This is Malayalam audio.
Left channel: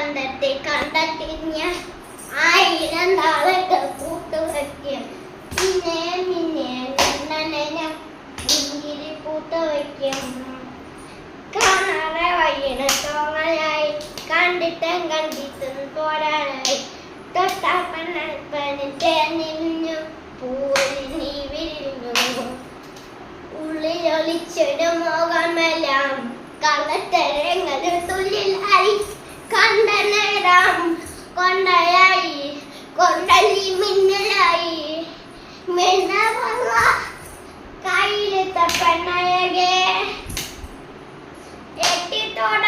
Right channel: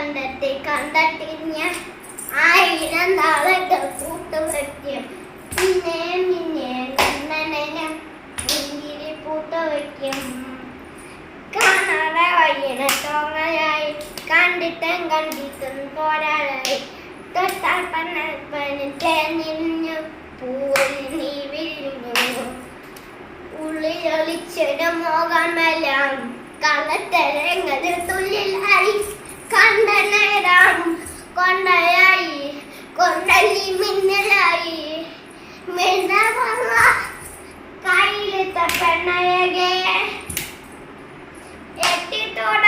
കണ്ടെത്തി ഞാൻ 1000 നാളൊക്കെ കൂട്ടുവയ്ക്കും. പിന്നെ മുന്തിരി പൂത്ത വയ്ക്കും. കാണാതെ വയ്യണ തോന്നലായി കണ്ടിട്ടും പോരാനായി തൊട്ടാൽ നിന്നു പൂവിൽ നീ വിരിഞ്ഞു. ഉള്ളിലൊളിച്ചിട മോഹമെല്ലാം കള്ളത്തരങ്ങളിൽ തുള്ളിലായി കണ്ട നേരം കൊണ്ടയായി കൊണ്ടല്ലി മിന്നലായി കയ്യിലെത്ത പെണ്ണയകെ എട്ടിത്തോട